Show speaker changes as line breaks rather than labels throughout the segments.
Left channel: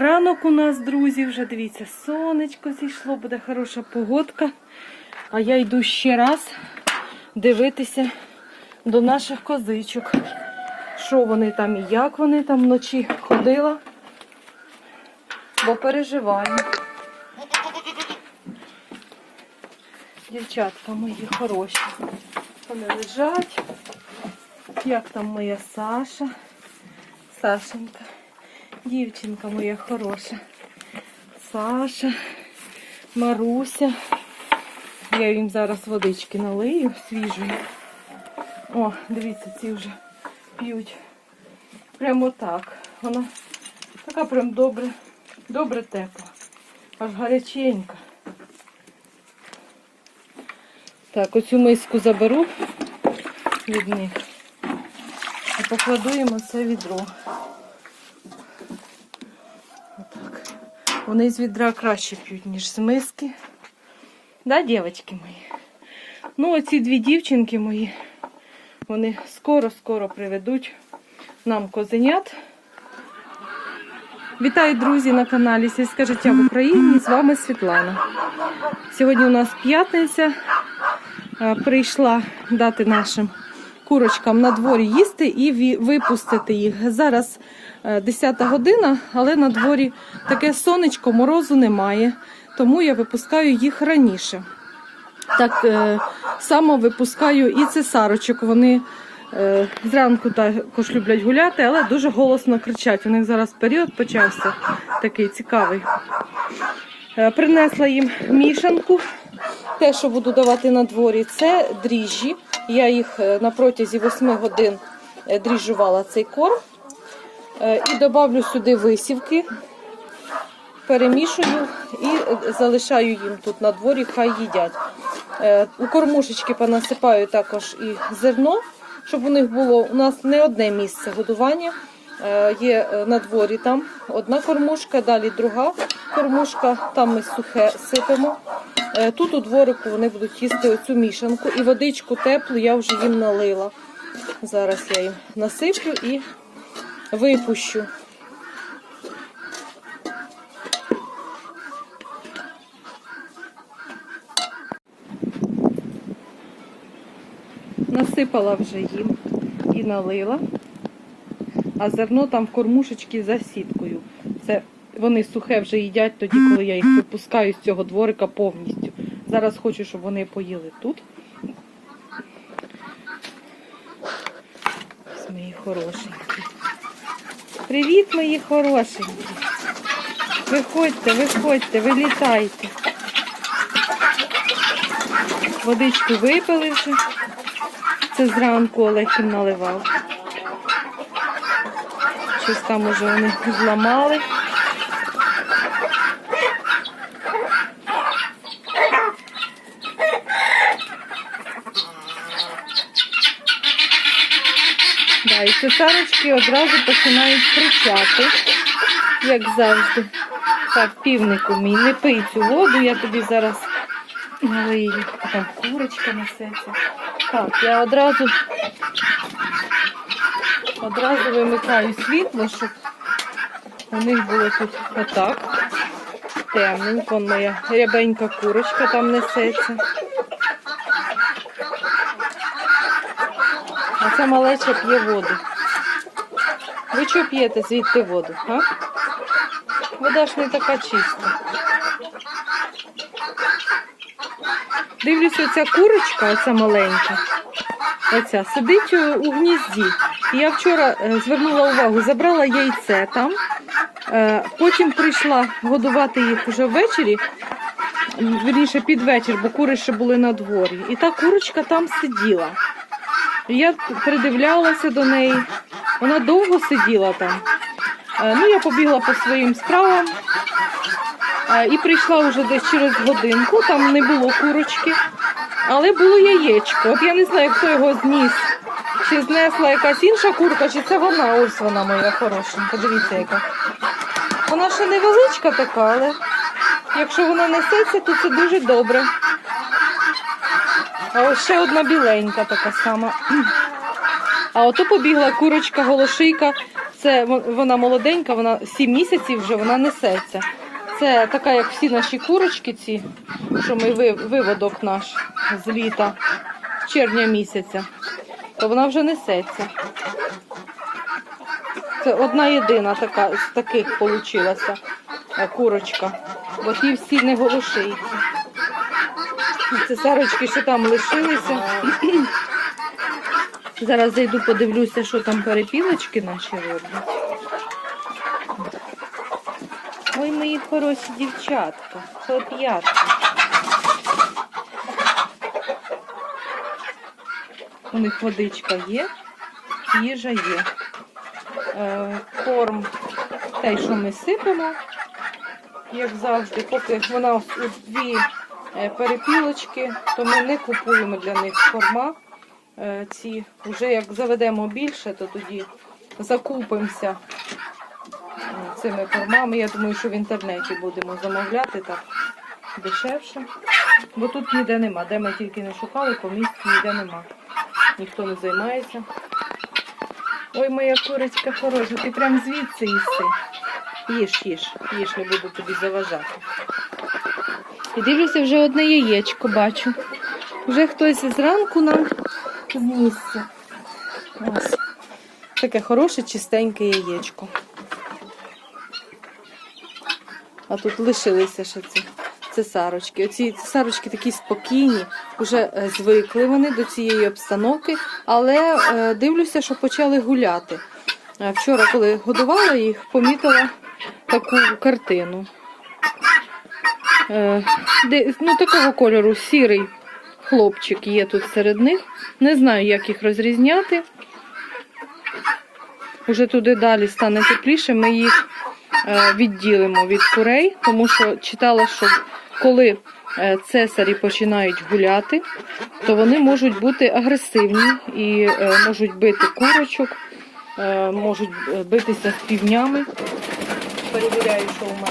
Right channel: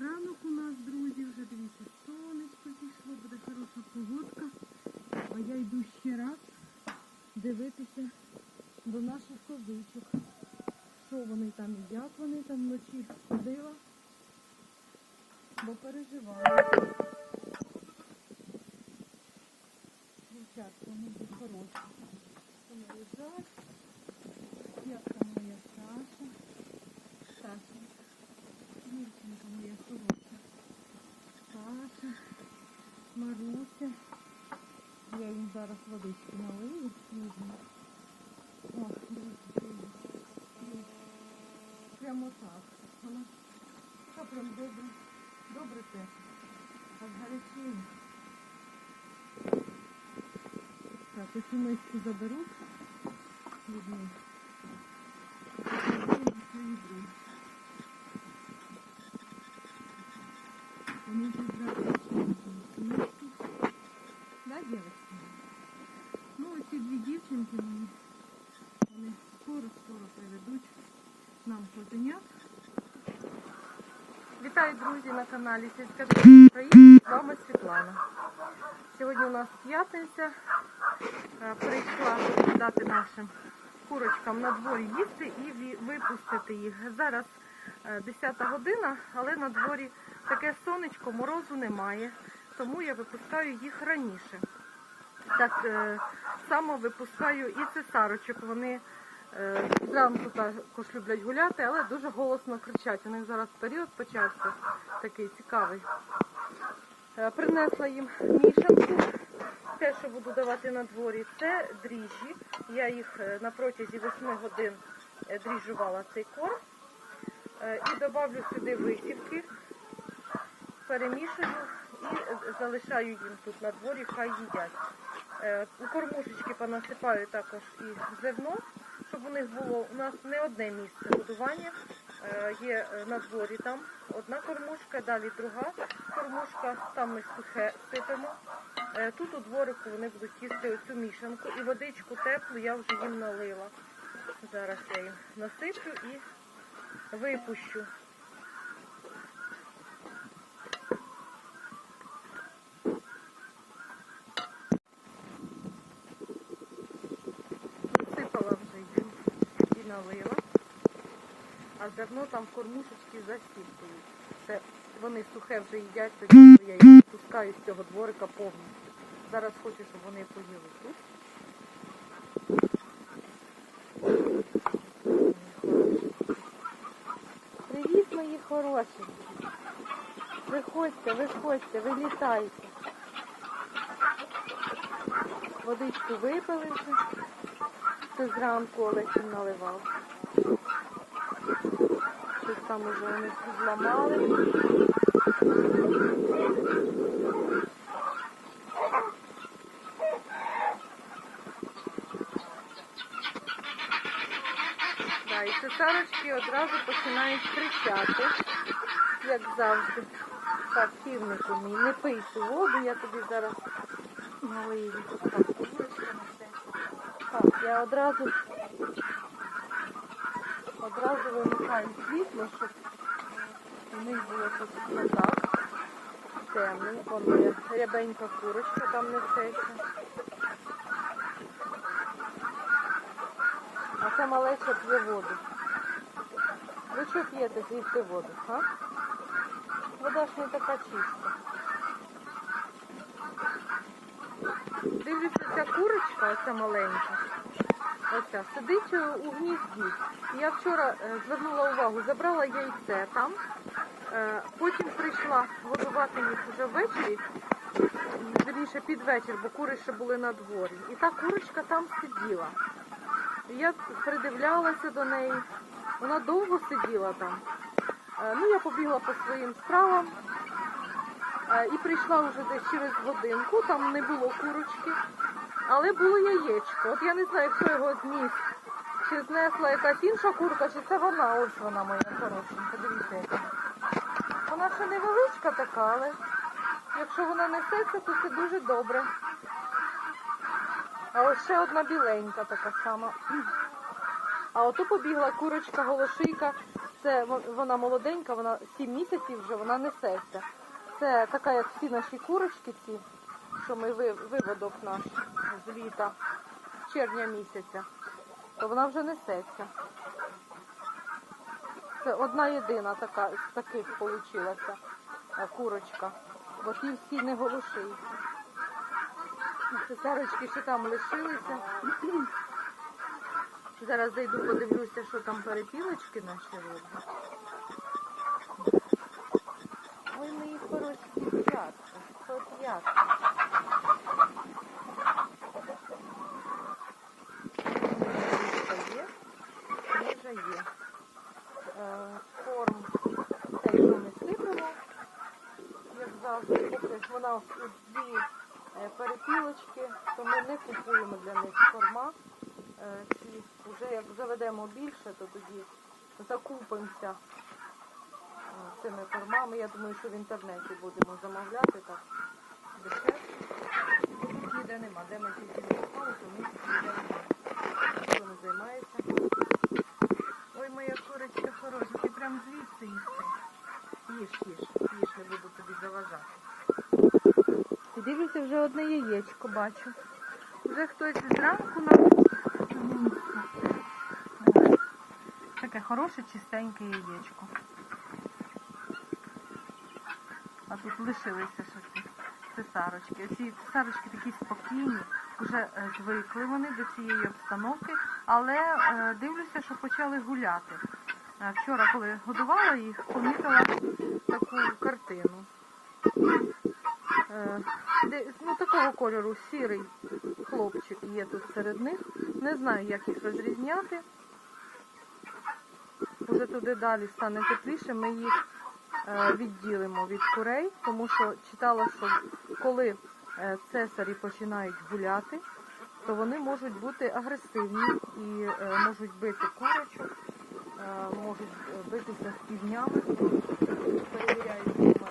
Ранок у нас, друзі, вже дивіться, сонечко зійшло, буде хороша погодка. А я йду ще раз дивитися до наших козичок. Що вони там і як вони там вночі ходила. Бо переживаю. Дівчатка мої хороші. Вони лежать. Як там моя Саша? Сашенька. Дівчинка моя хороша. Саша, Маруся. Я їм зараз водички налию свіжої. О, дивіться, ці вже п'ють. Прямо так. Вона така прям добре, добре тепла. Аж гаряченька. Так, оцю миску заберу від них і покладу їм оце відро. Вони з відра краще п'ють, ніж з миски. Да, дівчатки мої? Ну, оці дві дівчинки мої, вони скоро-скоро приведуть нам козенят. Вітаю, друзі, на каналі Сільське життя в Україні. З вами Світлана. Сьогодні у нас п'ятниця. Е, Прийшла дати нашим курочкам на дворі їсти і випустити їх. Зараз 10 година, але на дворі таке сонечко, морозу немає, тому я випускаю їх раніше. Так е, само випускаю і цесарочок. Вони е, зранку також люблять гуляти, але дуже голосно кричать. У них зараз період почався такий цікавий. Е, Принесла їм мішанку. Те, що буду давати на дворі, це дріжджі. Я їх е, на протязі 8 годин е, дріжджувала цей корм. Е, І додавлю сюди висівки, перемішую і е, залишаю їм тут на дворі, хай їдять. Е, У кормушечки понасипаю також і зерно, щоб у них було у нас не одне місце годування. Є на дворі там одна кормушка, далі друга кормушка, там ми сухе сипемо. Тут у дворику вони будуть їсти оцю мішанку і водичку теплу я вже їм налила. Зараз я їм насиплю і випущу. Насипала вже їм і налила. А зерно там в кормушечки за сіткою. Це вони сухе вже їдять тоді, коли я їх випускаю з цього дворика повністю. Зараз хочу, щоб вони поїли тут. Ось мої хорошенькі. Привіт, мої хорошенькі. Виходьте, виходьте, вилітайте. Водичку випили вже. Це зранку Олег їм наливав. Щось там уже вони зламали. Цесарочки одразу починають кричати, як завжди. Так, півнику мій, не пий цю воду, я тобі зараз налию. Так, курочка несеться. Так, я одразу одразу вимикаю світло, щоб у них було тут отак. Темненько, моя рябенька курочка там несеться. А ця малеча п'є воду. Ви що п'єте звідти воду? А? Вода ж не така чиста. Дивлюся, ця курочка, оця маленька, оця, сидить у- гнізді. Я вчора е, звернула увагу, забрала яйце там, е, потім прийшла годувати їх вже ввечері, вірніше під вечір, бо кури ще були на дворі. І та курочка там сиділа. Я придивлялася до неї. Вона довго сиділа там. Е, Ну, я побігла по своїм справам е, і прийшла вже десь через годинку. Там не було курочки, але було яєчко. От я не знаю, хто його зніс. Чи знесла якась інша курка, чи це вона. Ось вона моя хорошенька. Дивіться, яка. Вона ще невеличка така, але якщо вона несеться, то це дуже добре. А ось ще одна біленька така сама. А ото побігла курочка голошийка Це вона молоденька, вона 7 місяців вже вона несеться. Це така, як всі наші курочки, ці, що ми виводок наш з літа, з червня місяця, то вона вже несеться. Це одна єдина така з таких получилася курочка, бо ті всі не голошиї. Це сарочки, що там лишилися. Зараз зайду, подивлюся, що там перепілочки наші роблять. Ой, мої хороші дівчатка, хлоп'ятка. У них водичка є, їжа є. Е, корм, те, що ми сипемо, як завжди, поки вона у дві перепілочки, то ми не купуємо для них корма. Е, ці вже як заведемо більше, то тоді закупимося е, цими кормами. Я думаю, що в інтернеті будемо замовляти так дешевше. Бо тут ніде нема. Де ми тільки не шукали, по місті ніде нема. Ніхто не займається. Ой, моя курочка хороша, ти прям звідси їси. Їж, їж, їж, не буду тобі заважати. І дивлюся, вже одне яєчко бачу. Вже хтось зранку нам знісся. Ось. Таке хороше, чистеньке яєчко. А тут лишилися ще ці цесарочки. Оці цесарочки такі спокійні, вже е, звикли вони до цієї обстановки, але е, дивлюся, що почали гуляти. Вчора, коли годувала їх, помітила таку картину. Е, ну, такого кольору сірий хлопчик є тут серед них. Не знаю, як їх розрізняти. Уже туди далі стане тепліше, ми їх е, відділимо від курей, тому що читала, що коли е, цесарі починають гуляти, то вони можуть бути агресивні і можуть бити курочок, можуть битися з півнями. Перевіряю, що у мене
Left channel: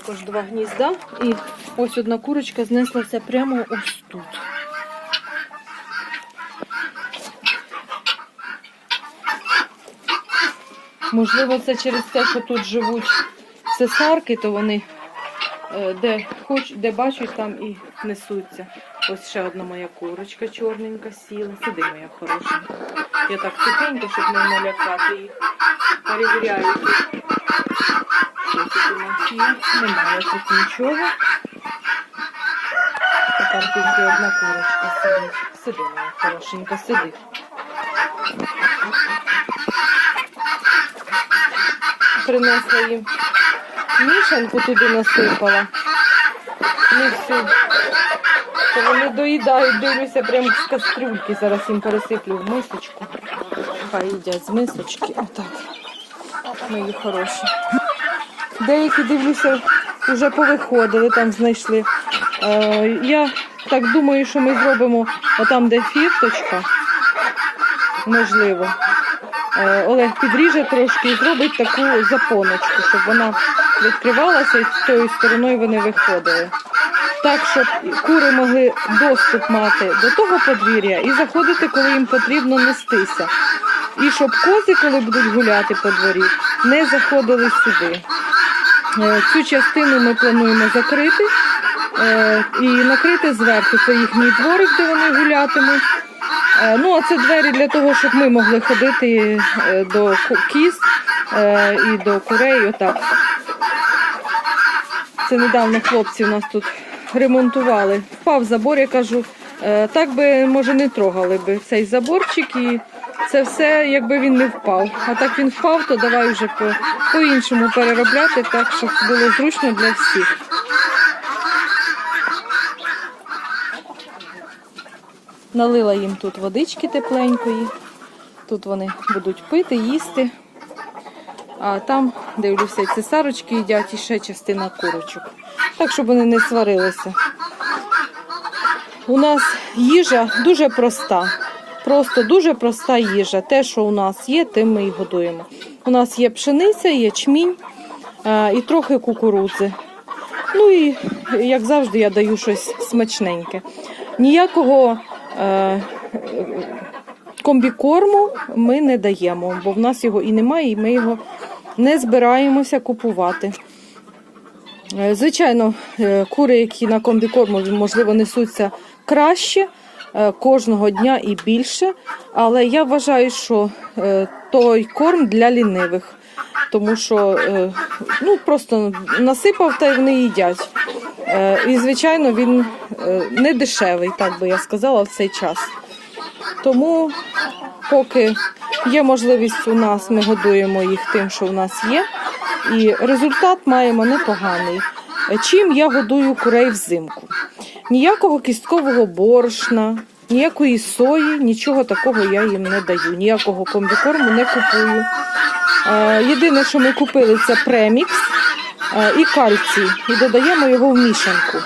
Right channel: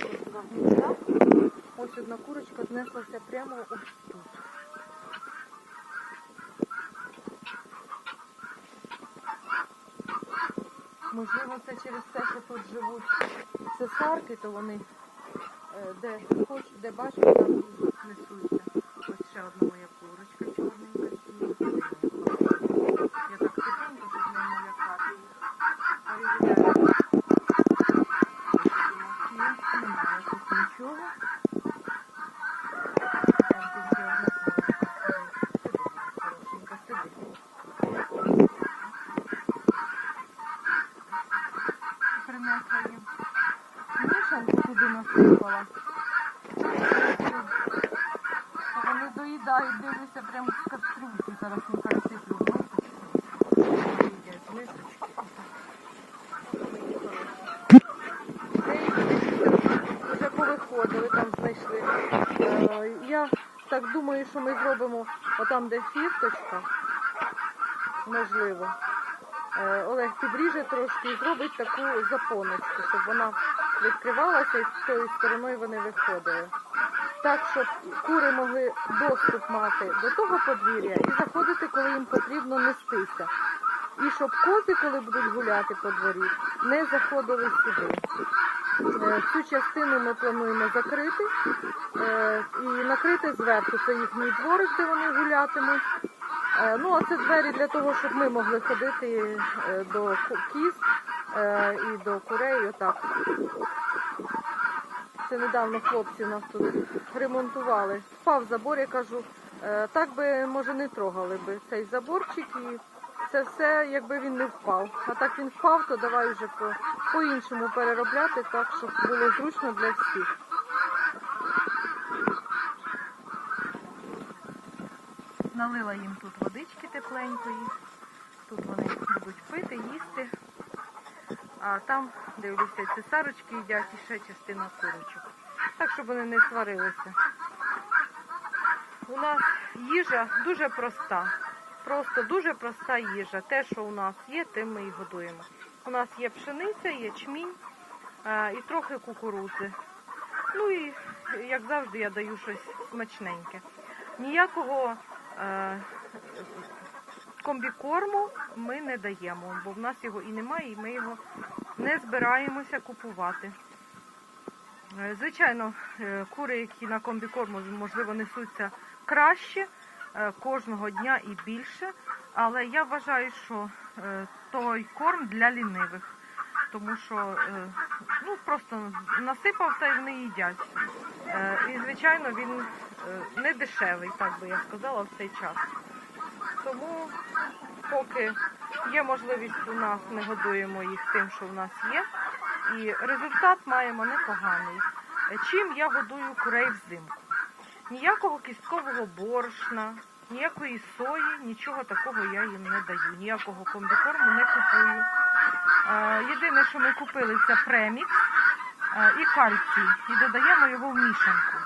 також два гнізда. І ось одна курочка знеслася прямо ось тут. Можливо, це через те, що тут живуть цесарки, то вони е, де хоч, де бачать, там і несуться. Ось ще одна моя курочка чорненька сіла. Сиди, моя хороша. Я так тихенько, щоб не налякати їх. Перевіряю. Нас. Немає тут нічого. Там тільки одна курочка сидить. Сиди, моя хорошенька, сиди. Принесла їм мішанку туди насипала. Ну всю. То вони доїдають, дивлюся, прямо з кастрюльки. Зараз їм пересиплю в мисочку. Хай їдять з мисочки. Отак. Мої хороші. Деякі дивлюся, вже повиходили, там знайшли. Е, я так думаю, що ми зробимо отам, де фірточка. Можливо. Е, Олег підріже трошки і зробить таку запоночку, щоб вона відкривалася і з тою стороною вони виходили. Так, щоб кури могли доступ мати до того подвір'я і заходити, коли їм потрібно нестися. І щоб кози, коли будуть гуляти по дворі, не заходили сюди. Е, Цю частину ми плануємо закрити е, і накрити зверху. Це їхній дворик, де вони гулятимуть. Е, Ну, а це двері для того, щоб ми могли ходити до кіз і до курей. Отак. Це недавно хлопці у нас тут ремонтували. Впав забор, я кажу, так би, може, не трогали би цей заборчик і це все, якби він не впав. А так він впав, то давай вже по- по-іншому переробляти, так, щоб було зручно для всіх. Налила їм тут водички тепленької. Тут вони будуть пити, їсти. А там, дивлюся, і цесарочки їдять і ще частина курочок. Так, щоб вони не сварилися. У нас їжа дуже проста. Просто дуже проста їжа. Те, що у нас є, тим ми і годуємо. У нас є пшениця, ячмінь е, і трохи кукурудзи. Ну і, як завжди, я даю щось смачненьке. Ніякого е, комбікорму ми не даємо, бо в нас його і немає, і ми його не збираємося купувати. Е, Звичайно, кури, які на комбікорму, можливо, несуться краще кожного дня і більше. Але я вважаю, що е, той корм для лінивих, тому що е, ну, просто насипав та й вони їдять. Е, І, звичайно, він е, не дешевий, так би я сказала, в цей час. Тому, поки є можливість у нас, ми годуємо їх тим, що в нас є. І результат маємо непоганий. Е, Чим я годую курей взимку? Ніякого кісткового борошна, ніякої сої, нічого такого я їм не даю. Ніякого комбікорму не купую. Єдине, що ми купили, це премікс і кальцій, і додаємо його в мішанку.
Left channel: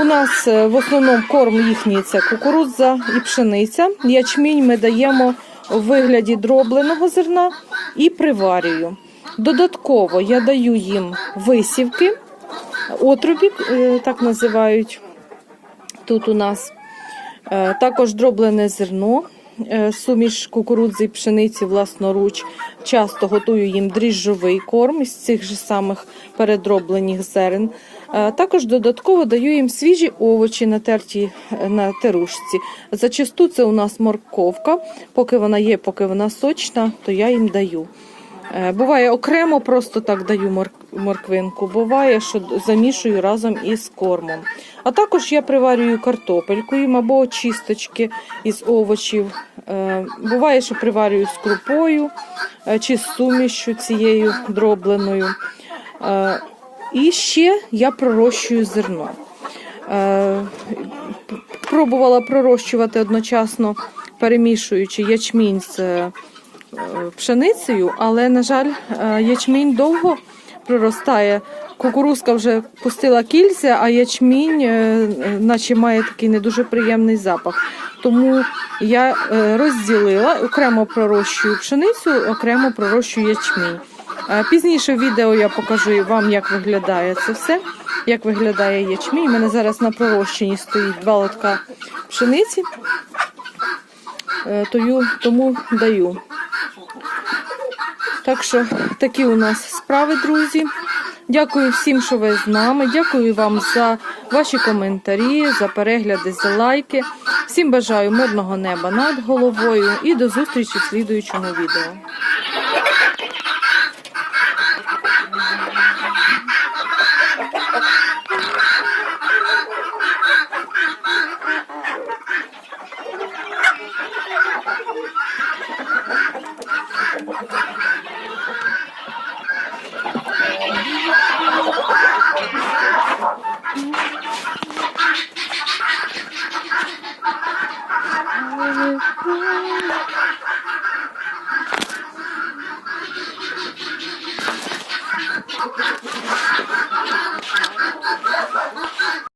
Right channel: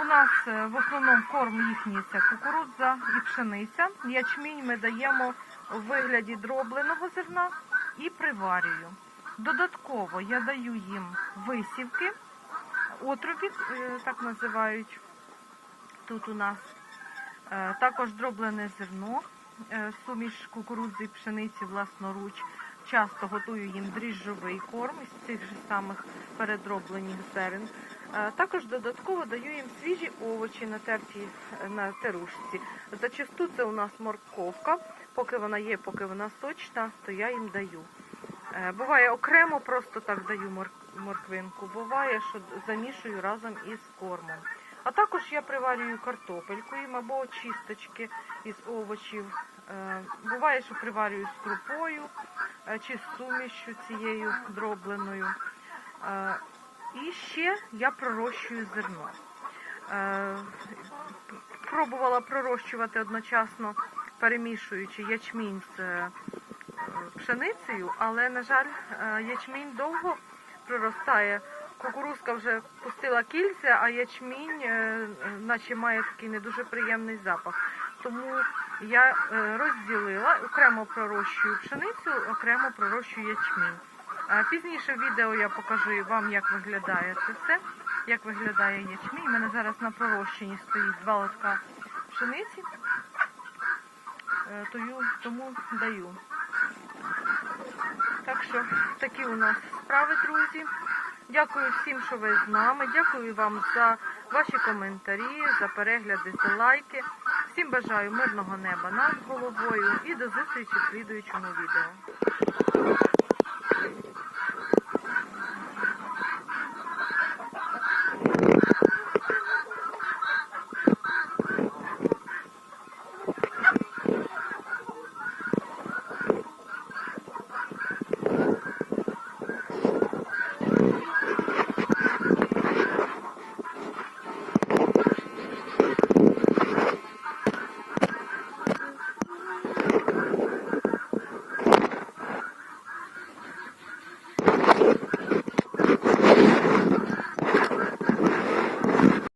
У нас е, в основному корм їхній це кукурудза і пшениця. Ячмінь ми даємо у вигляді дробленого зерна і приварюю. Додатково я даю їм висівки, отрубі, е, так називають тут у нас. Е, Також дроблене зерно, е, суміш кукурудзи і пшениці власноруч. Часто готую їм дріжджовий корм із цих же самих передроблених зерен. Також додатково даю їм свіжі овочі, натерті на терушці. Зачасту це у нас морковка. Поки вона є, поки вона сочна, то я їм даю. Е, Буває окремо, просто так даю мор- морквинку. Буває, що замішую разом із кормом. А також я приварюю картопельку їм або очисточки із овочів. Е, Буває, що приварюю з крупою е, чи з сумішю цією дробленою. І ще я пророщую зерно. Пробувала пророщувати одночасно, перемішуючи ячмінь з пшеницею, але, на жаль, е, ячмінь довго проростає. Кукурузка вже пустила кільця, а ячмінь, е, наче має такий не дуже приємний запах. Тому я е, розділила, окремо пророщую пшеницю, окремо пророщую ячмінь. Пізніше в відео я покажу вам, як виглядає це все, як виглядає ячмінь. У мене зараз на пророщенні стоїть два лотка пшениці, тому даю. Так що такі у нас справи, друзі. Дякую всім, що ви з нами. Дякую вам за ваші коментарі, за перегляди, за лайки. Всім бажаю мирного неба над головою і до зустрічі в слідуючому відео.